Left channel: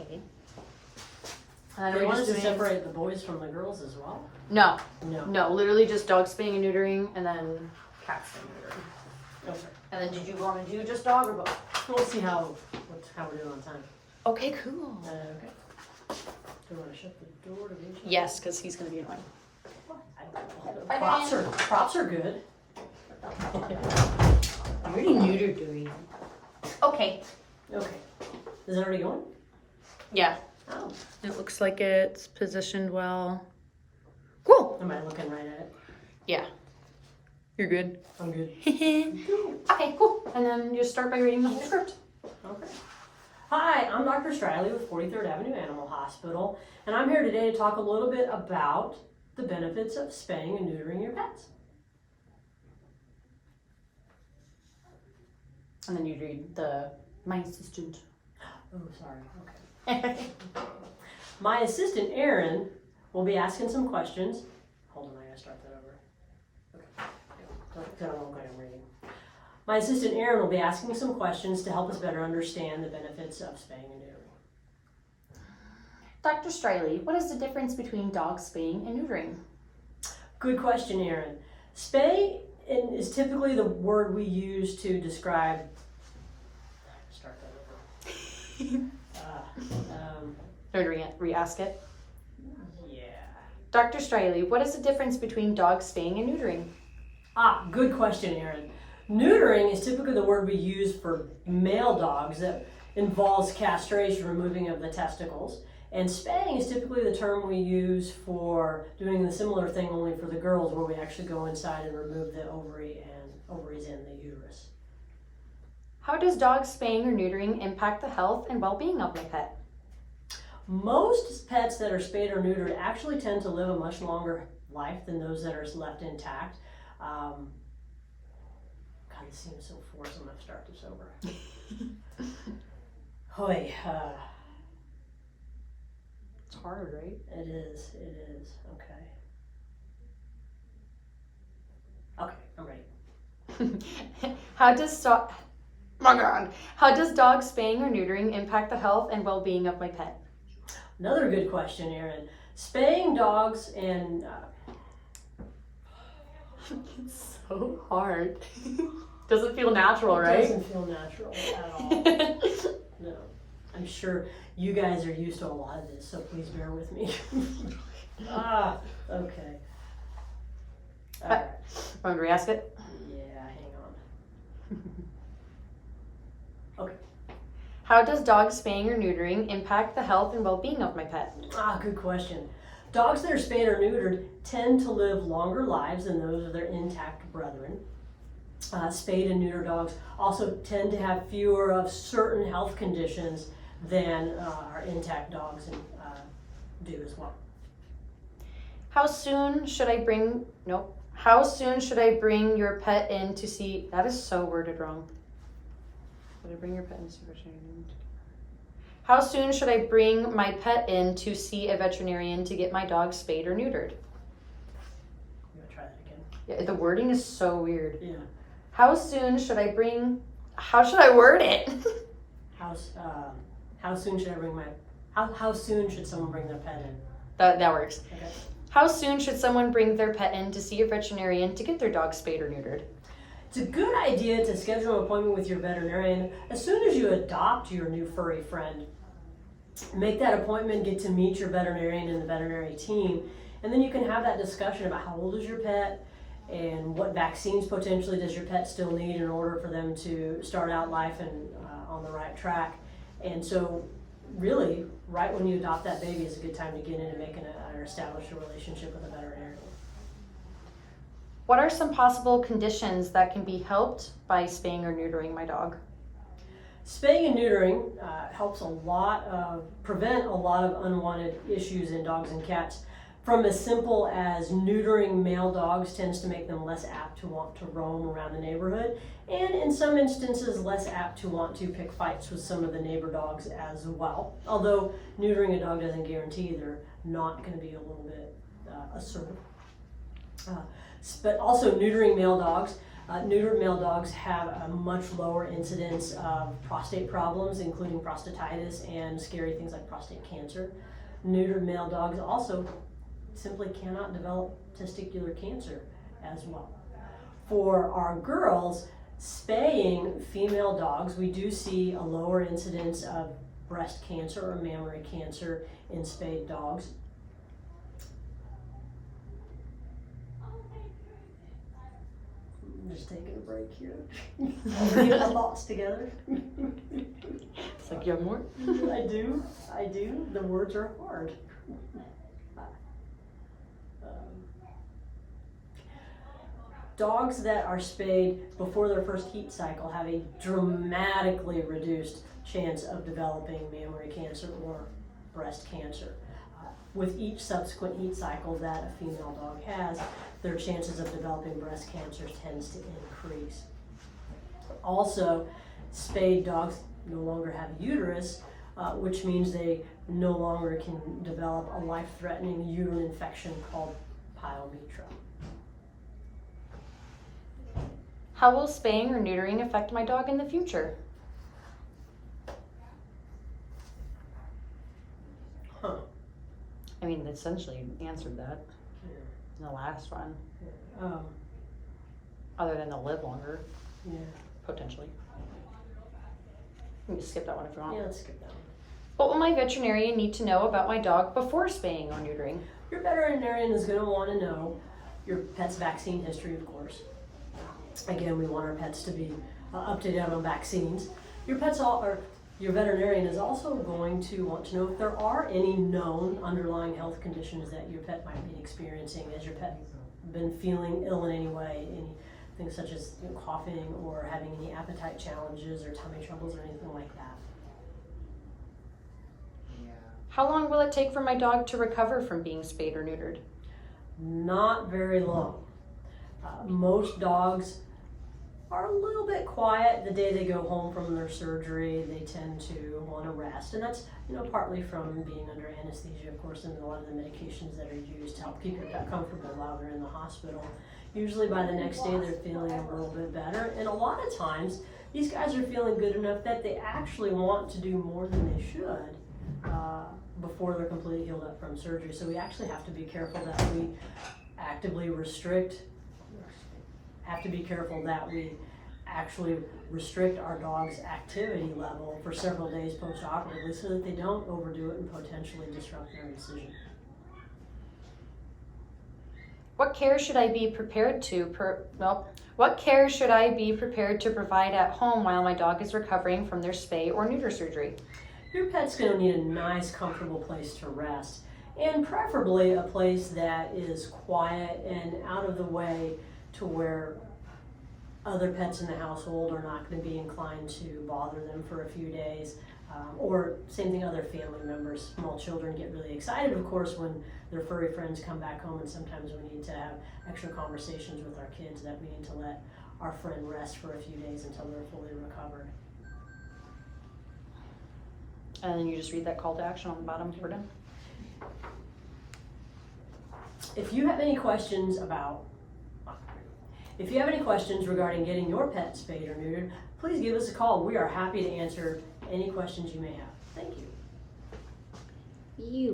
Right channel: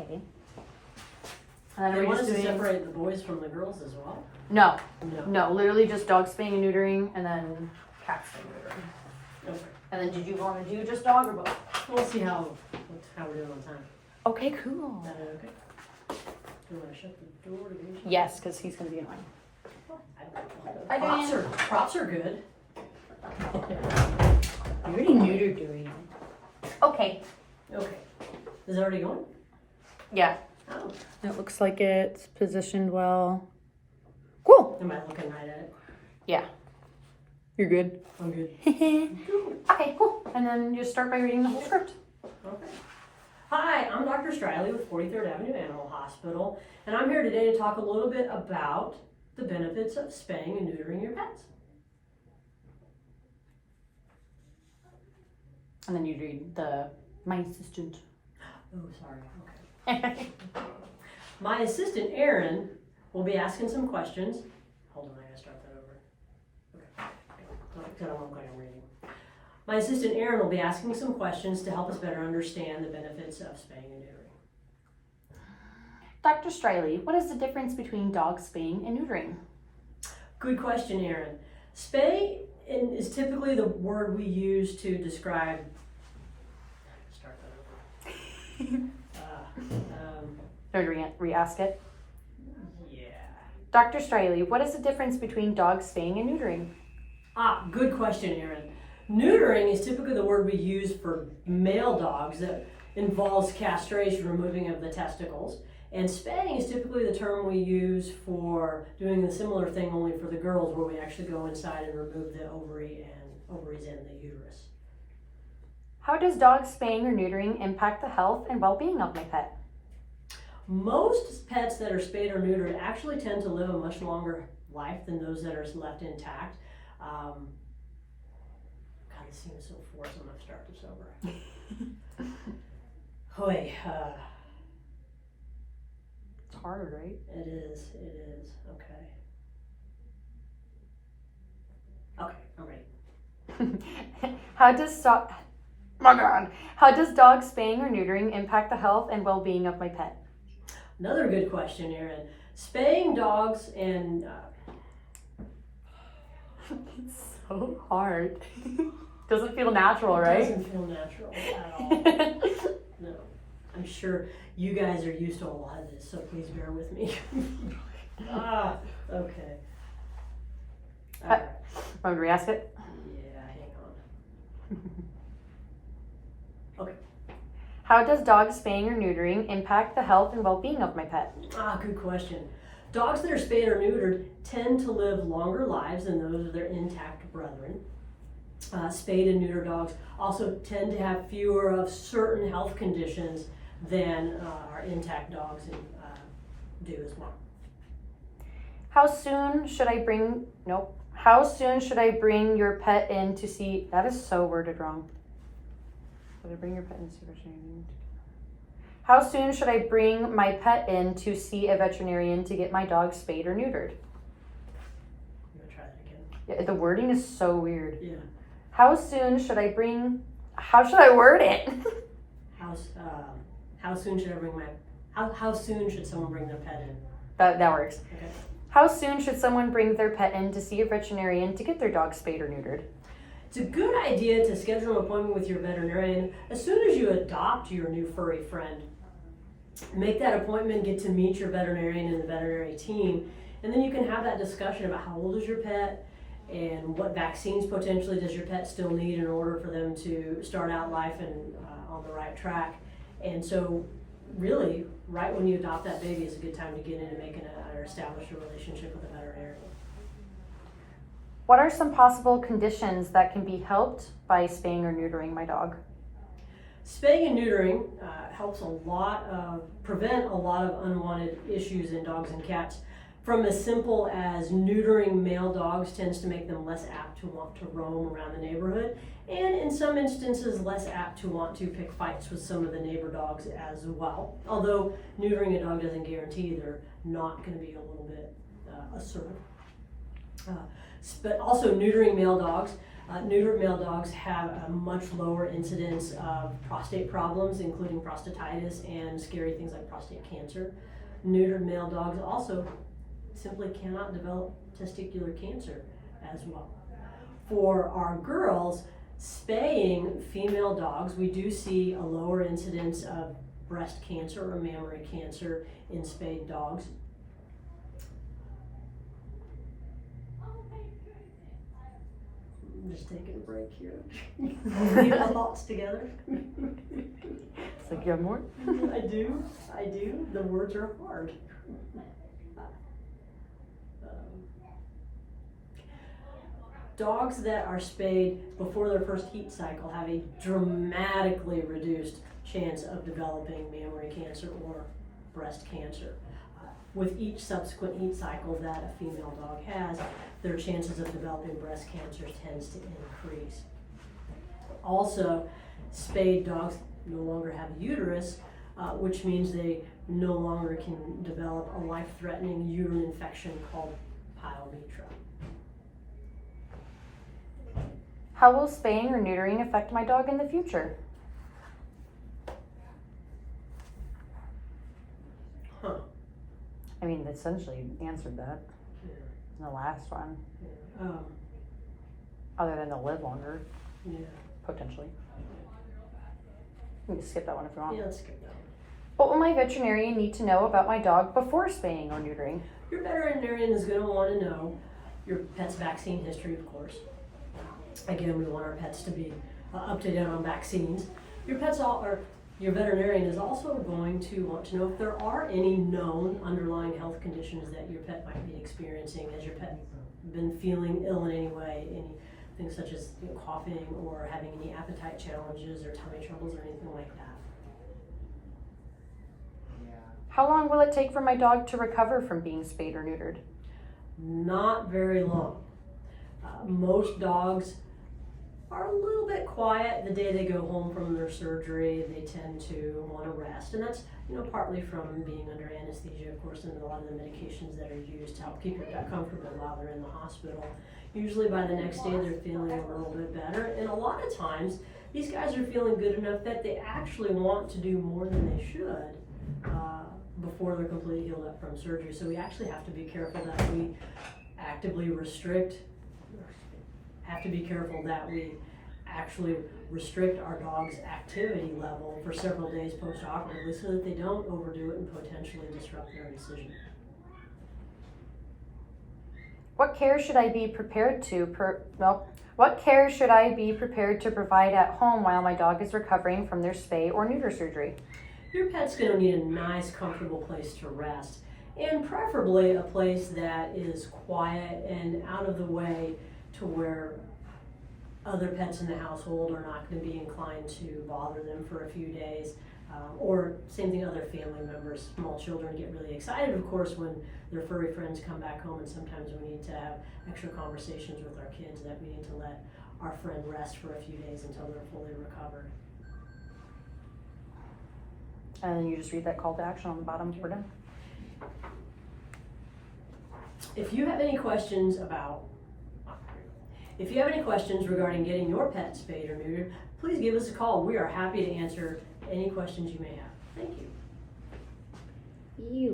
Okay. And They then want us to separate the boys from the girls as well? No. No. No, literally just dog spaying and neutering, and then cat spaying and neutering. Okay. And then did you want to do just dog or both? We'll see how we're doing on time. Okay, cool. Okay. Do you want to shut the door to me? Yes, because he's going to be annoying. Props are good. You already neutered doing. Okay. Okay. Is it already going? Yeah. Oh. It looks like it's positioned well. Cool. Am I looking right at it? Yeah. You're good. I'm good. Okay, cool. And then you start by reading the whole script. Okay. Hi, I'm Dr. Striley with 43rd Avenue Animal Hospital, and I'm here today to talk a little bit about the benefits of spaying and neutering your pets. And then you read my assistant. Oh, sorry. Okay. My assistant, Erin, will be asking some questions. Hold on, I gotta start that over. Okay. I'm reading. My assistant, Erin, will be asking some questions to help us better understand the benefits of spaying and neutering. Dr. Striley, what is the difference between dog spaying and neutering? Good question, Erin. Spay is typically the word we use to describe. Start that over. Or re-ask it? Yeah. Dr. Striley, what is the difference between dog spaying and neutering? Good question, Erin. Neutering is typically the word we use for male dogs that involves castration, removing of the testicles. And spaying is typically the term we use for doing the similar thing only for the girls, where we actually go inside and remove the ovaries and the uterus. How does dog spaying or neutering impact the health and well-being of my pet? Most pets that are spayed or neutered actually tend to live a much longer life than those that are left intact. God, this seems so forced. I'm going to start this over. Hoy. It's hard, right? It is. Okay. Okay, I'm ready. How does dog spaying or neutering impact the health and well-being of my pet? Another good question, Erin. Spaying dogs and... It's so hard. Doesn't feel natural, right? It doesn't feel natural at all. No. I'm sure you guys are used to a lot of this, so please bear with me. Okay. All right. Want me to re-ask it? Yeah, hang on. Okay. How does dog spaying or neutering impact the health and well-being of my pet? Good question. Dogs that are spayed or neutered tend to live longer lives than those of their intact brethren. Spayed and neutered dogs also tend to have fewer of certain health conditions than our intact dogs do as well. How soon should I bring your pet in to see? That is so worded wrong. Should I bring your pet in to see a veterinarian? How soon should I bring my pet in to see a veterinarian to get my dog spayed or neutered? I'm gonna try that again. Yeah, the wording is so weird. Yeah. How soon should I bring? How should I word it? How soon should I bring how soon should someone bring their pet in? That works. Okay. How soon should someone bring their pet in to see a veterinarian to get their dog spayed or neutered? It's a good idea to schedule an appointment with your veterinarian as soon as you adopt your new furry friend. Make that appointment, get to meet your veterinarian and the veterinary team, and then you can have that discussion about how old is your pet and what vaccines potentially does your pet still need in order for them to start out life and on the right track. And so really, right when you adopt that baby is a good time to get in and make or establish a relationship with a veterinarian. What are some possible conditions that can be helped by spaying or neutering my dog? Spaying and neutering helps prevent a lot of unwanted issues in dogs and cats. From as simple as neutering male dogs tends to make them less apt to want to roam around the neighborhood, and in some instances less apt to want to pick fights with some of the neighbor dogs as well. Although neutering a dog doesn't guarantee they're not going to be a little bit assertive. But also neutering male dogs Neutered male dogs have a much lower incidence of prostate problems, including prostatitis and scary things like prostate cancer. Neutered male dogs also simply cannot develop testicular cancer as well. For our girls, spaying female dogs, we do see a lower incidence of breast cancer or mammary cancer in spayed dogs. I'm just taking a break here. I'll get my thoughts together. It's like, you have more? I do. The words are hard. Dogs that are spayed before their first heat cycle have a dramatically reduced chance of developing mammary cancer or breast cancer. With each subsequent heat cycle that a female dog has, their chances of developing breast cancer tends to increase. Also, spayed dogs no longer have uterus, which means they no longer can develop a life-threatening uterine infection called pyometra. How will spaying or neutering affect my dog in the future? Huh. I mean, essentially you answered that Yeah. in the last one. Yeah. Other than they'll live longer, Yeah. potentially. We can skip that one if you want. Yeah, let's skip that one. What will my veterinarian need to know about my dog before spaying or neutering? Your veterinarian is going to want to know your pet's vaccine history, of course. Again, we want our pets to be up to date on vaccines. Your veterinarian is also going to want to know if there are any known underlying health conditions that your pet might be experiencing. Has your pet been feeling ill in any way? Anything such as coughing or having any appetite challenges or tummy troubles or anything like that. How long will it take for my dog to recover from being spayed or neutered? Not very long. Most dogs are a little bit quiet the day they go home from their surgery. They tend to want to rest, and that's partly from being under anesthesia, of course, and a lot of the medications that are used to help keep your pet comfortable while they're in the hospital. Usually by the next day they're feeling a little bit better, and a lot of times these guys are feeling good enough that they actually want to do more than they should before they're completely healed up from surgery. So we actually have to be careful that we actively restrict our dog's activity level for several days post-operatively so that they don't overdo it and potentially disrupt their incision. What care should I be prepared to provide at home while my dog is recovering from their spay or neuter surgery? Your pet's going to need a nice, comfortable place to rest, and preferably a place that is quiet and out of the way to where other pets in the household are not going to be inclined to bother them for a few days. Or same thing, other family members. Small children get really excited, of course, when their furry friends come back home, and sometimes we need to have extra conversations with our kids that we need to let our friend rest for a few days until they're fully recovered. And then you just read that call to action on the bottom. We're done. If you have any questions regarding getting your pet spayed or neutered, please give us a call. We are happy to answer any questions you may have. Thank you.